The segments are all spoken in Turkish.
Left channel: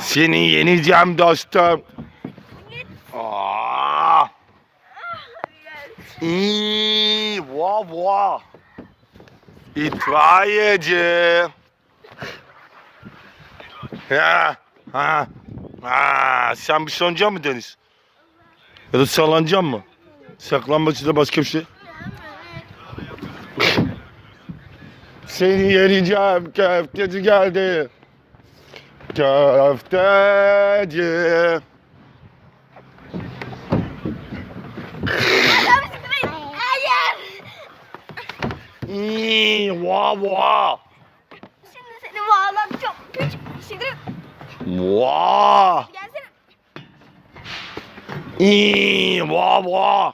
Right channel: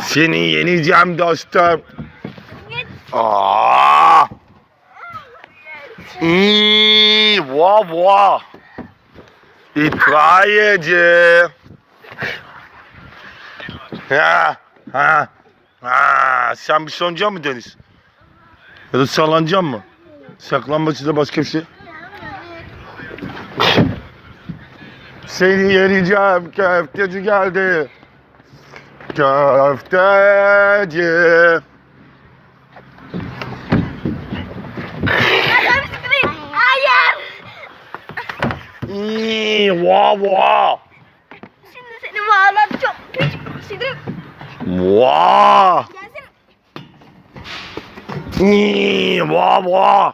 Seni yeneceğim dostum. Aa! Hmm, vah vah. İtfaiyeci. Ha, ha, ha. Sen bir sonacak mı Deniz? Ya da sallanacak mı? Saklanması da başka bir şey. Seni yeneceğim köfteci geldi. Köfteci. Hayır. İyi, vah vah. Şimdi seni bağladı çok küçük şeydir. Vah. Gelsene. İyi, vah vah.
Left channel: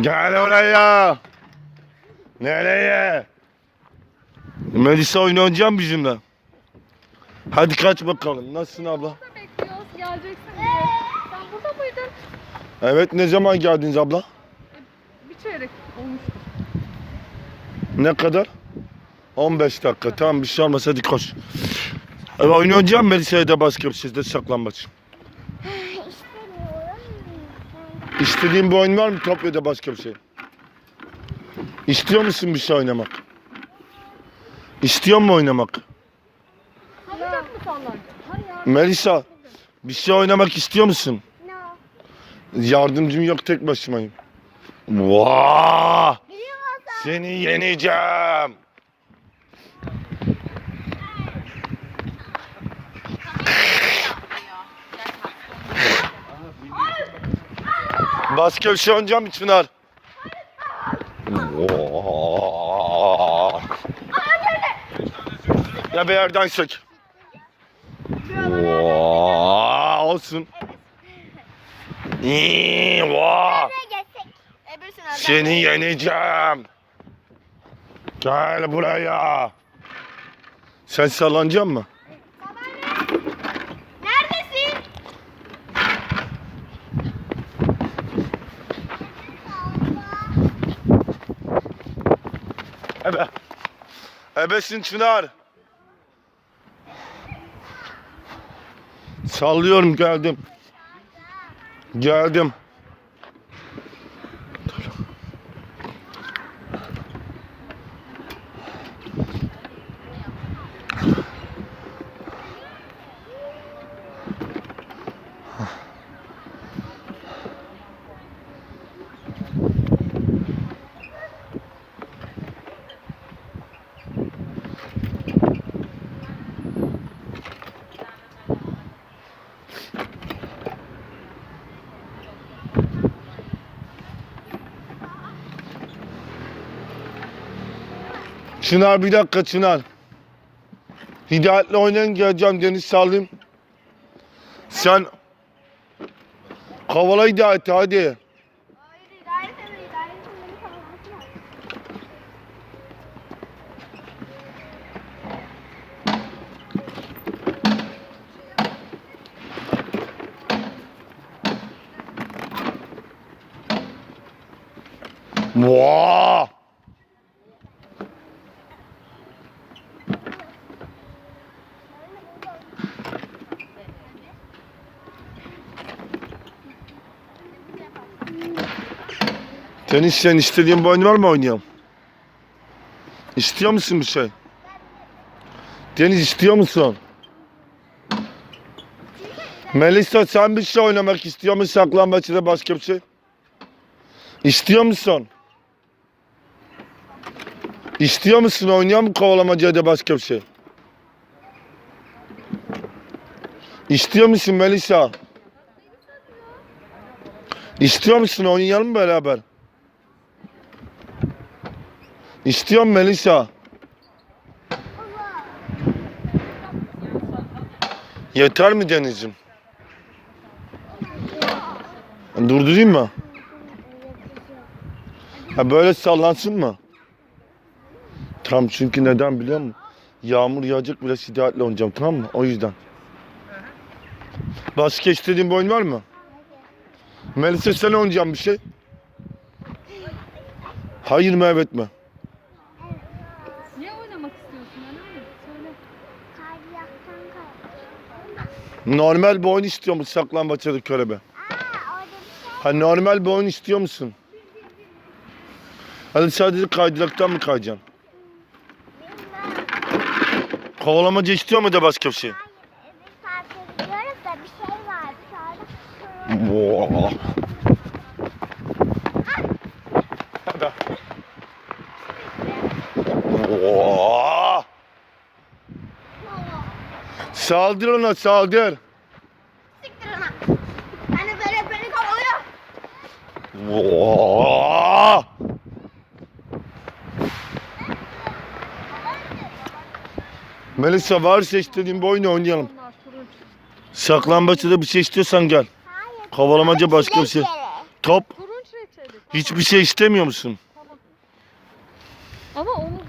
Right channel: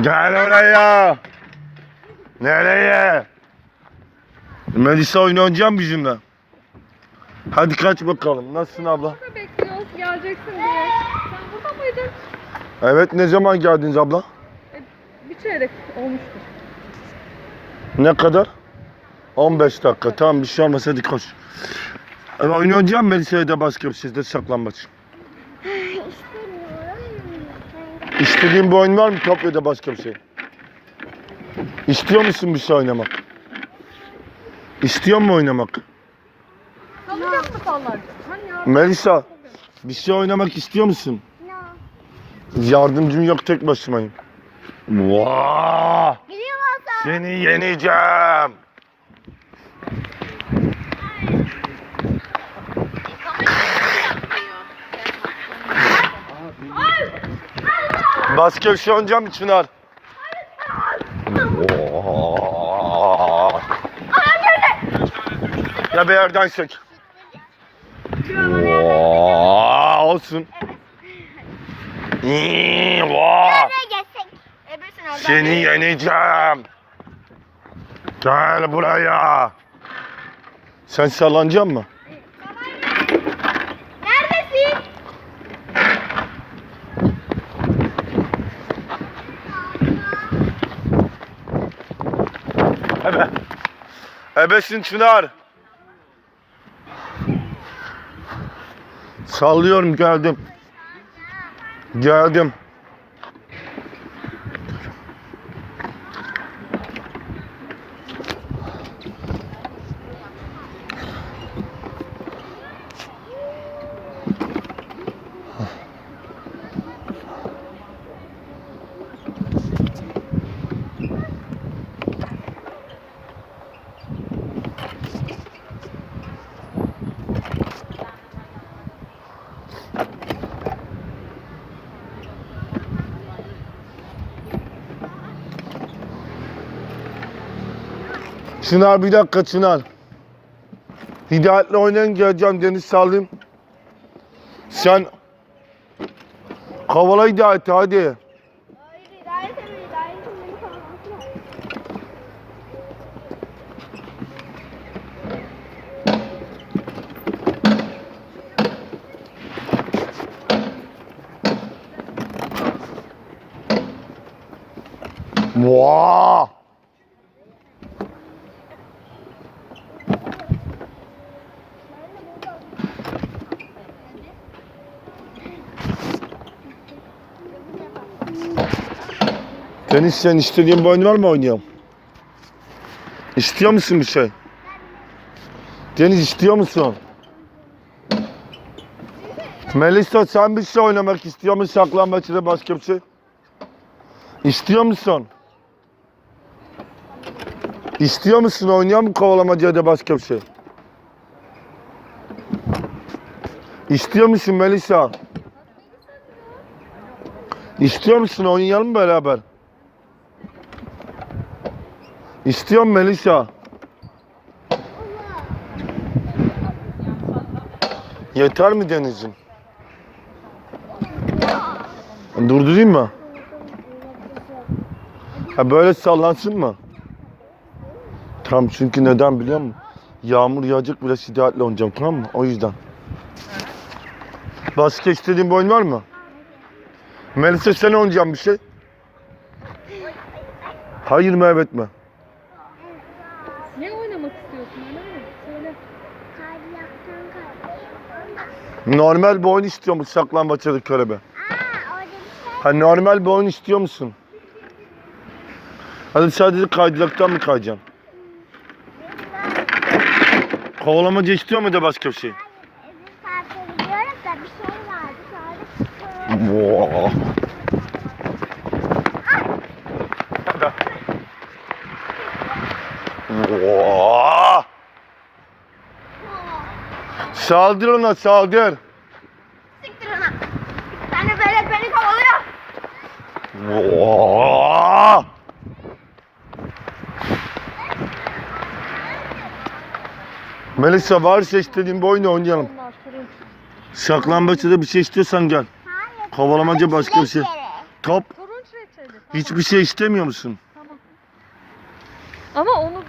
Gel oraya. Nereye? Melisa mı bizimle? Hadi kaç bakalım. Nasılsın abla? bekliyoruz geleceksin diye. Sen burada mıydın? Evet ne zaman geldiniz abla? Bir çeyrek olmuştur. Ne kadar? 15 dakika. Tamam bir şey olmaz hadi koş. Oyun oynayacağım Melisa'ya da başka bir şeyde saklanmaç. İstediğin bir oyun var mı Topya'da başka bir şey? İstiyor musun bir şey oynamak? İstiyor mu oynamak? Melisa bir şey oynamak istiyor musun? Yardımcım yok tek başımayım. Vaa! Seni yeneceğim. Şey oynayacağım mı Çınar? Vaa! Ya bir yerden çek. Vaa, olsun. İyi, vaa. Seni yeneceğim. Gel buraya. Sen sallanacak mı? Ebesin Çınar. Sallıyorum geldim. Geldim. Çınar bir dakika Çınar. Hidayet'le oynayın geleceğim Deniz sallayayım. Sen Kavala Hidayet'i hadi. Vaa! Deniz sen istediğin bir oyun var mı oynayalım? İstiyor musun bir şey? Deniz istiyor musun? Melisa sen bir şey oynamak istiyor musun? Saklambaç ya? İstiyor musun? İstiyor musun? Oynayan mı kovalamaca ya da başka? İstiyor musun Melisa? İstiyor musun? Oynayalım beraber? İstiyor musun Melisa? Yeter mi Deniz'im? Durdurayım mı? Ha böyle sallansın mı? Tam çünkü neden biliyor musun? Yağmur yağacak biraz şiddetle oynayacağım tamam mı? O yüzden. Başka istediğin bir oyun var mı? Melisa sen oynayacağım bir şey. Hayır mı evet mi? Ne oynamak istiyorsun? Öyle mi? Söyle. Normal bir oyun istiyor musun saklambaçta körebe? Ha normal bir oyun istiyor musun? Hadi sadece kaydıraktan mı kayacaksın? Kovalamaca istiyor mu da başka bir şey? Da bir şey vardı. Sonra Vaa. Hadi. Vaa. Saldır ona saldır. siktir ona. De böyle beni kovalıyor. Melisa varsa istediğin bir oyunu oynayalım. Saklambaçta da bir şey istiyorsan gel. Hayır. Kovalamaca başka bir şey. Top. Hiçbir şey istemiyor musun? Tamam. Ama onu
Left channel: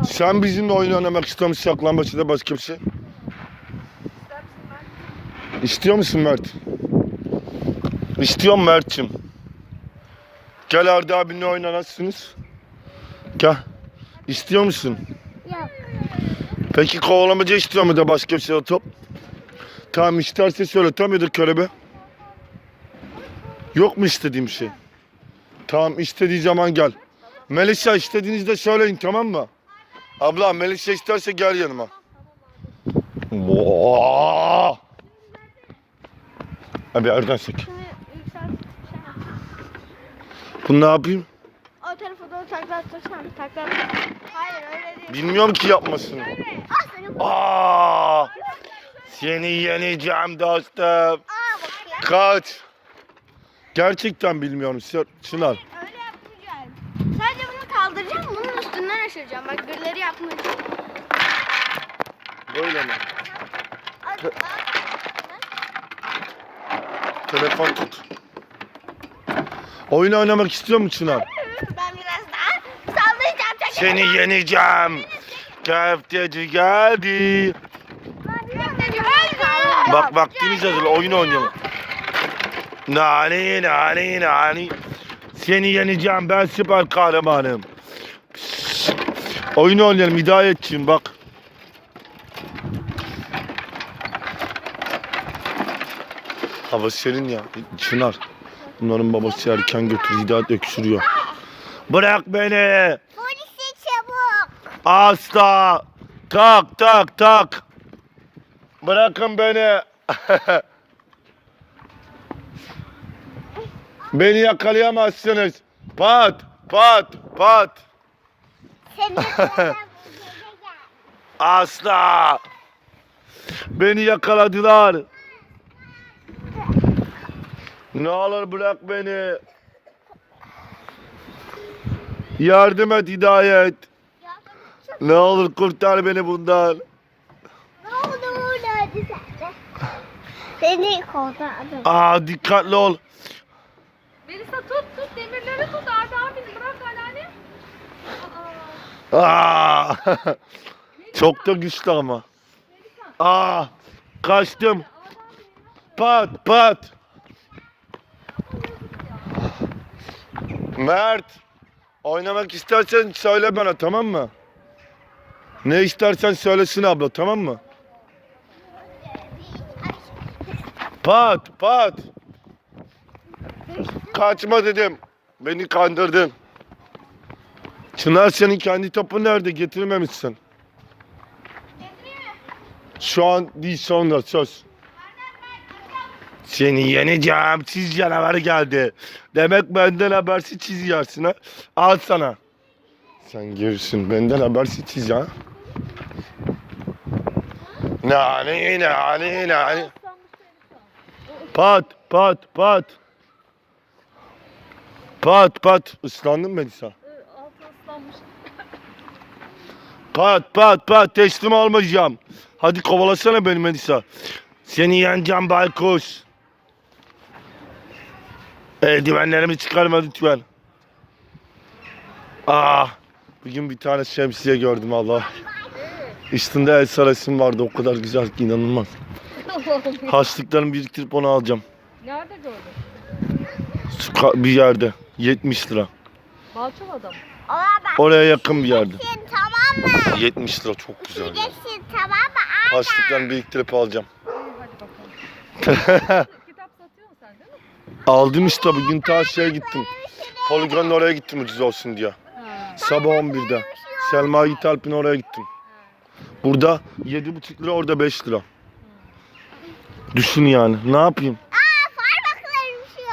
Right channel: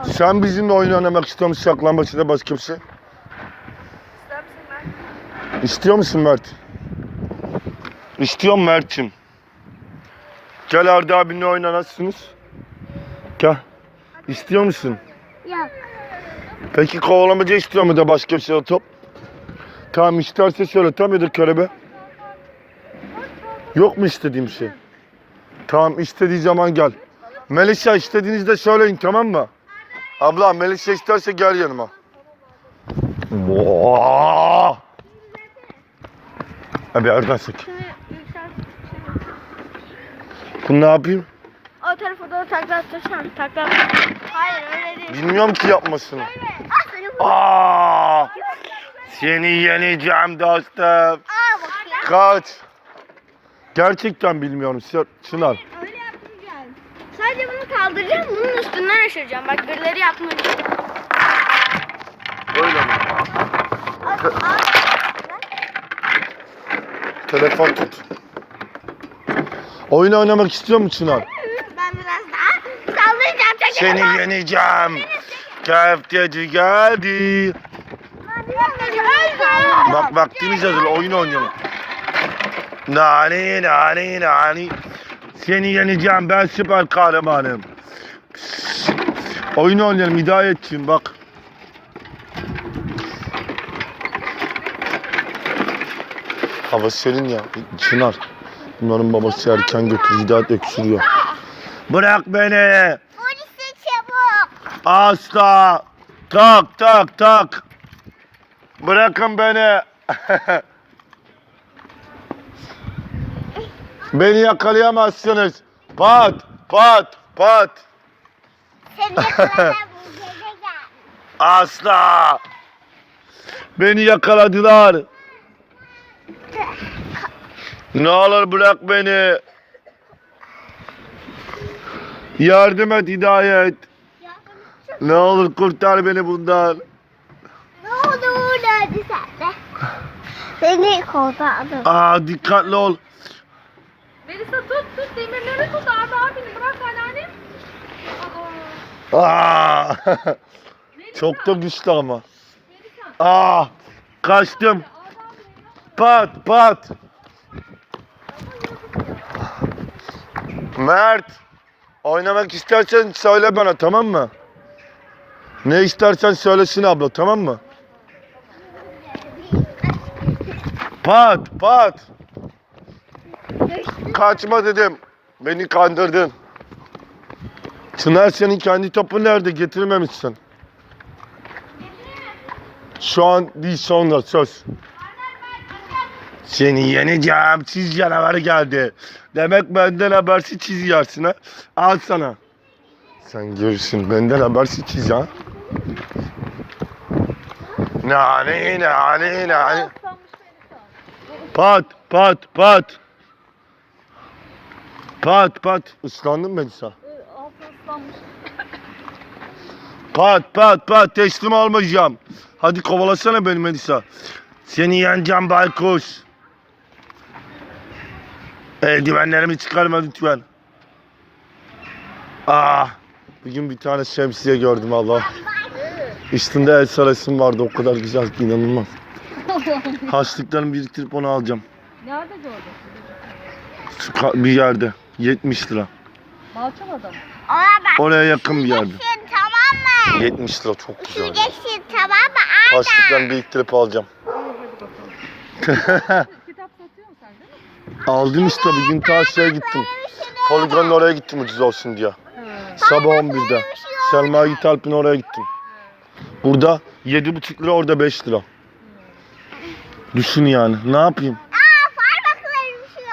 bu. Sen bizimle oyun oynamak istiyor musun saklambaçta başka bir şey? İstiyor musun Mert? İstiyorum Mert'cim. Gel Arda abinle oynanasınız. Gel. İstiyor musun? Yok. Peki kovalamaca istiyor mu da başka bir şey top? Tamam isterse söyle tam yadır körebe. Yok mu istediğim şey? Tamam istediği zaman gel. Melisa istediğinizde söyleyin tamam mı? Abla Melisa isterse gel yanıma. Vaa! Abi oradan sek. Bunu ne yapayım? O tarafa doğru takla atırsan takla Hayır öyle değil. Bilmiyorum ki yapmasını. Ah. Aa! Seni yeneceğim dostum. Kaç. Gerçekten bilmiyorum Çınar. Öyle. Sadece bunu kaldıracağım. Bunun üstünden aşıracağım. Bak birileri yapmayacak. Öyle mi? Al, al. Telefon tut. Oyun oynamak istiyor musun Çınar? Ben biraz daha sallayacağım. Çekil Seni oradan. yeneceğim. Köfteci geldi. Bak vaktimiz hazır oyun oynayalım. Nani nani nani. Seni yeneceğim ben süper kahramanım. Oyun oynayalım Hidayetçiğim bak. Hava serin ya. Çınar. Bunların babası erken götür Hidayet öksürüyor. Bırak beni. Polisi çabuk. Asla. Tak tak tak. Bırakın beni. beni yakalayamazsınız. Pat pat pat. Gel. Asla. Beni yakaladılar. Ne olur bırak beni. Yardım et Hidayet. Ne olur kurtar beni bundan. Ne oldu hadi sen de. Seni kurtardım. Aa dikkatli ol. Melisa tut tut demirleri tut Arda abini bırak anneanne. Aa. Çok da güçlü ama. Aa. Kaçtım. Pat pat. Mert. Oynamak istersen söyle bana tamam mı? Ne istersen söylesin abla tamam mı? Pat pat. Kaçma dedim. Beni kandırdın. Çınar senin kendi topu nerede getirmemişsin. Şu an değil sonra söz. Seni yeneceğim çiz canavarı geldi. Demek benden habersiz çiz yersin ha. Al sana. Sen görürsün benden habersiz çiz ha. Nani nani nani. Aslanmış Melisa. Pat pat pat. Pat pat. Islandın mı Melisa? Pat pat pat teslim olmayacağım. Hadi kovalasana beni Melisa. Seni yeneceğim baykuş. Eldivenlerimi çıkarma lütfen. Aa, bir gün bir tane şemsiye gördüm Allah. Üstünde el sarasım vardı o kadar güzel ki inanılmaz. Harçlıklarımı biriktirip onu alacağım. Nerede gördün? Bir yerde 70 lira. Balçova'da mı? Oraya yakın bir yerde. Tamam mı? 70 lira çok güzel. Geçsin tamam mı? Harçlıklarımı biriktirip alacağım. Hadi bakalım. Kitap satıyorsun sen değil mi? Aldım işte bugün ta şeye gittim. Poligonun oraya gittim ucuz olsun diye. Sabah 11'de. Selma Yiğit Alp'in oraya gittim. Burada 7,5 lira orada 5 lira. Düşün yani. Ne yapayım?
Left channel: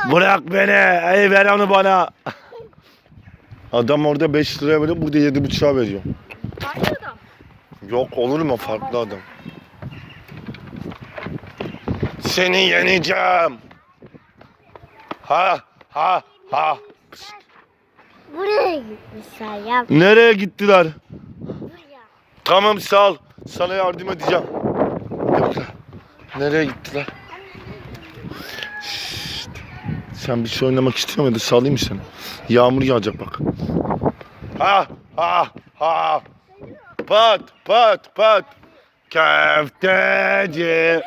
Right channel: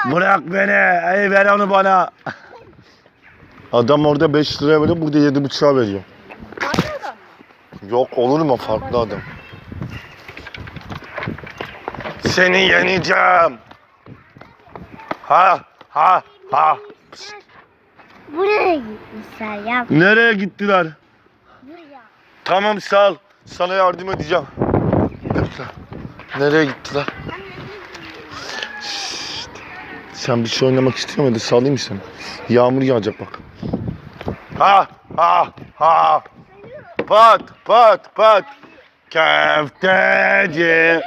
Şu. Bırak beni. Ey ver onu bana. Adam orada 5 liraya veriyor. Burada 7,5'a veriyor. Farklı adam. Yok olur mu farklı adam. Seni yeneceğim. Ha ha ha. Buraya gitmişler ya. Nereye gittiler? Buraya. Tamam sal. Sana yardım edeceğim. Buraya. Nereye gittiler? Sen bir şey oynamak istiyor muydun? Salayım mı seni? Yağmur yağacak bak. Ha ha ha. Pat pat pat. Köfteci.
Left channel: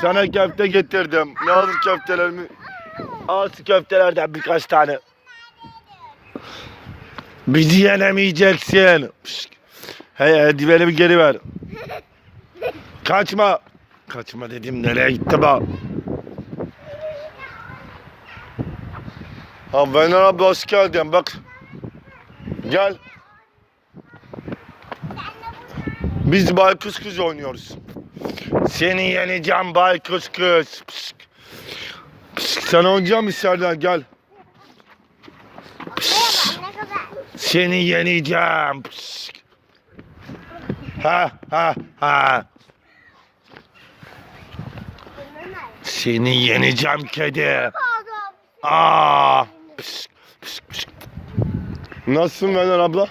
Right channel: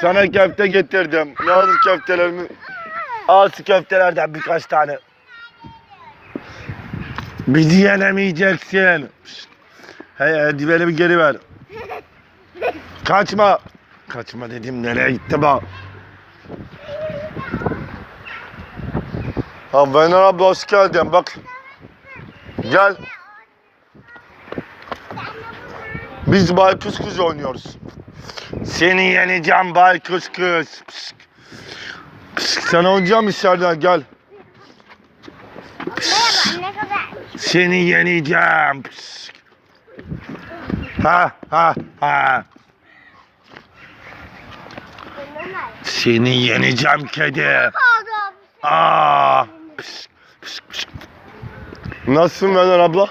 Sana köfte getirdim. Ne olur köftelerimi. Al şu köftelerden birkaç tane. Bizi yenemeyeceksin. Pişt. Hey eldivenimi geri ver. Kaçma. Kaçma dedim nereye gitti bu? Ha Vener abla hoş geldin bak. Gel. Biz baykuş kız oynuyoruz. Seni yeneceğim baykuş kız. Pişt. Sen oynayacak mısın Serdar gel. Seni yeneceğim. Ha ha ha. Seni yeneceğim kedi. Aa. Pişt, pişt, pişt. Nasılsın Vener abla?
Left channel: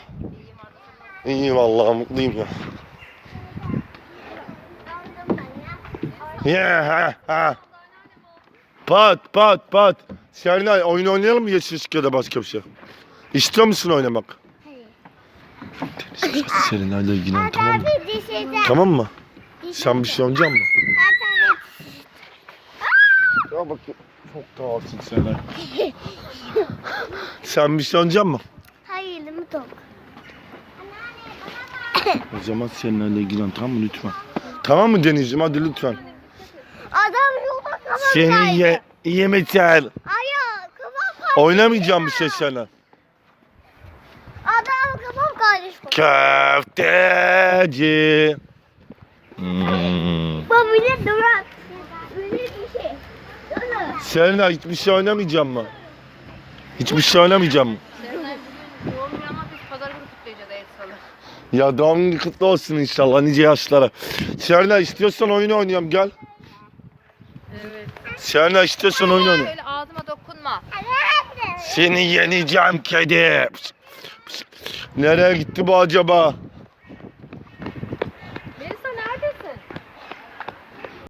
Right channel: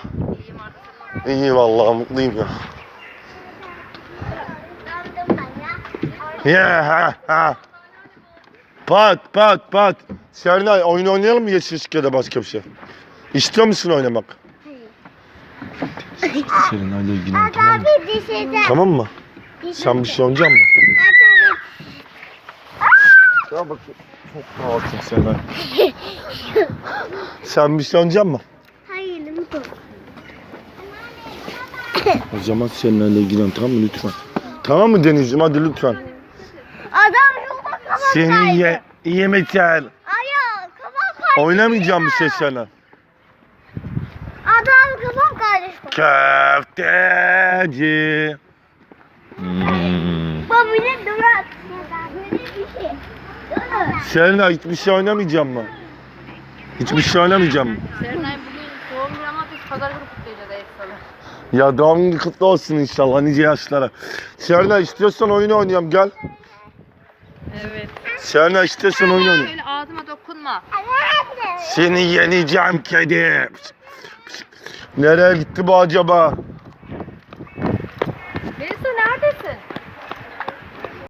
İyi vallahi mutluyum ya. Ya ha ha. Pat pat pat. Sernay oyun oynayalım mı yeşil ışık ya da başka bir şey? İstiyor musun oynamak? Sernay'la ilgilen tamam mı? Tamam mı? Sen bir şey oynayacak mısın? Zaten Ya bak çok rahatsın Sernay. Sen bir şey oynayacak mısın? Hayır lütfen. O zaman Sernay'la ilgilen tamam mı lütfen? Tamam mı Denizciğim hadi lütfen. Seni ye, yemeyeceksin. Ayağı kafam kaydı. Oynamayacağım bir şey sana. Adam kafam karıştı. Köfteci. Hmm. Bu bile durak. Şey. Selena hiçbir şey oynamayacağım mı? Hiçbir şey oynamayacağım mı? Serenay bugün doğum günü ama biz pazar günü kutlayacağız evet salı. Ya doğum günü kutlu olsun inşallah nice yaşlara. Selena istiyorsan oyun oynayalım gel. Evet. Selena istiyorsan oyun oynayalım. Şöyle ağzıma dokunma. Seni yeneceğim kedi. Nereye gitti bu acaba?